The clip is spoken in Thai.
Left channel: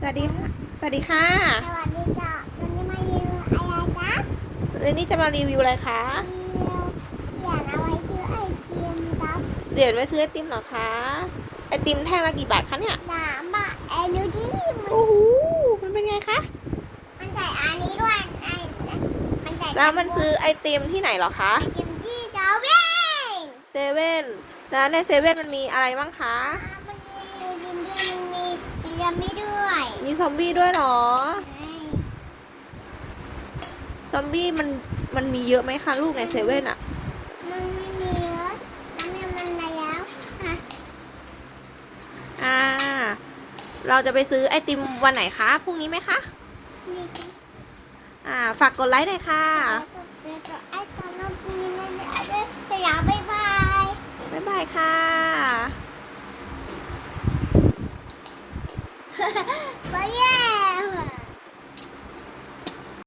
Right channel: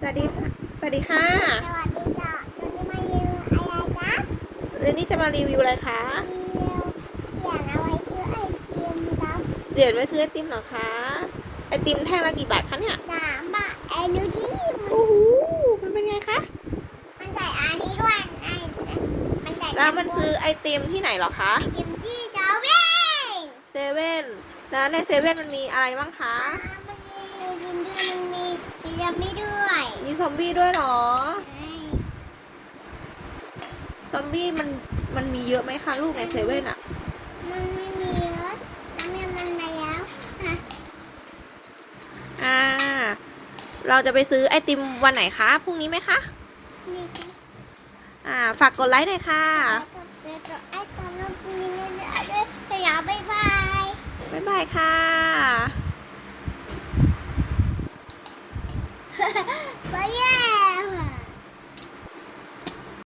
สวัสดีค่ะสวัสดีค่ะสวัสดีจ้ะวันนี้มารีวิวอะไรจ๊ะเรนนี่จะมารีวิวอะไรคะรีวิวอย่างเอาไว้ซื้อไอติมครับเดี๋ยวไว้ซื้อไอติมเหรอคะ ไอติมแท่งละกี่บาทคะเนี่ยสามบาทไอ้นูที่มันโอ้โหมันเป็นไงคะ มันใส่อันนี้ด้วยไอ้มันใส่แล้วมันซื้อไอติมที่ไหนเหรอคะไอติมที่เกาวิ่งเซเว่นแล้วในเซเว่นมันมีอะไรบ้างคะ มันมียินด้วยมันมีมันยังไม่ด้วย มีซอมบี้ด้วยเหรอ ซอมบี้มันมันมีเยอะไหมคะลูกในเซเว่นอะมันไม่มีแล้วมันมีมันมาแล้วอะอ่า เราจะไปซื้อไอติมวันไหนคะ พรุ่งนี้ไหมคะ นี่คืออ่า ฝากกดไลค์หน่อยค่ะไอ้ตอนนั้นมีเงินด้วยไปแล้วบ๊ายบาย บ๊ายบายค่ะ 不要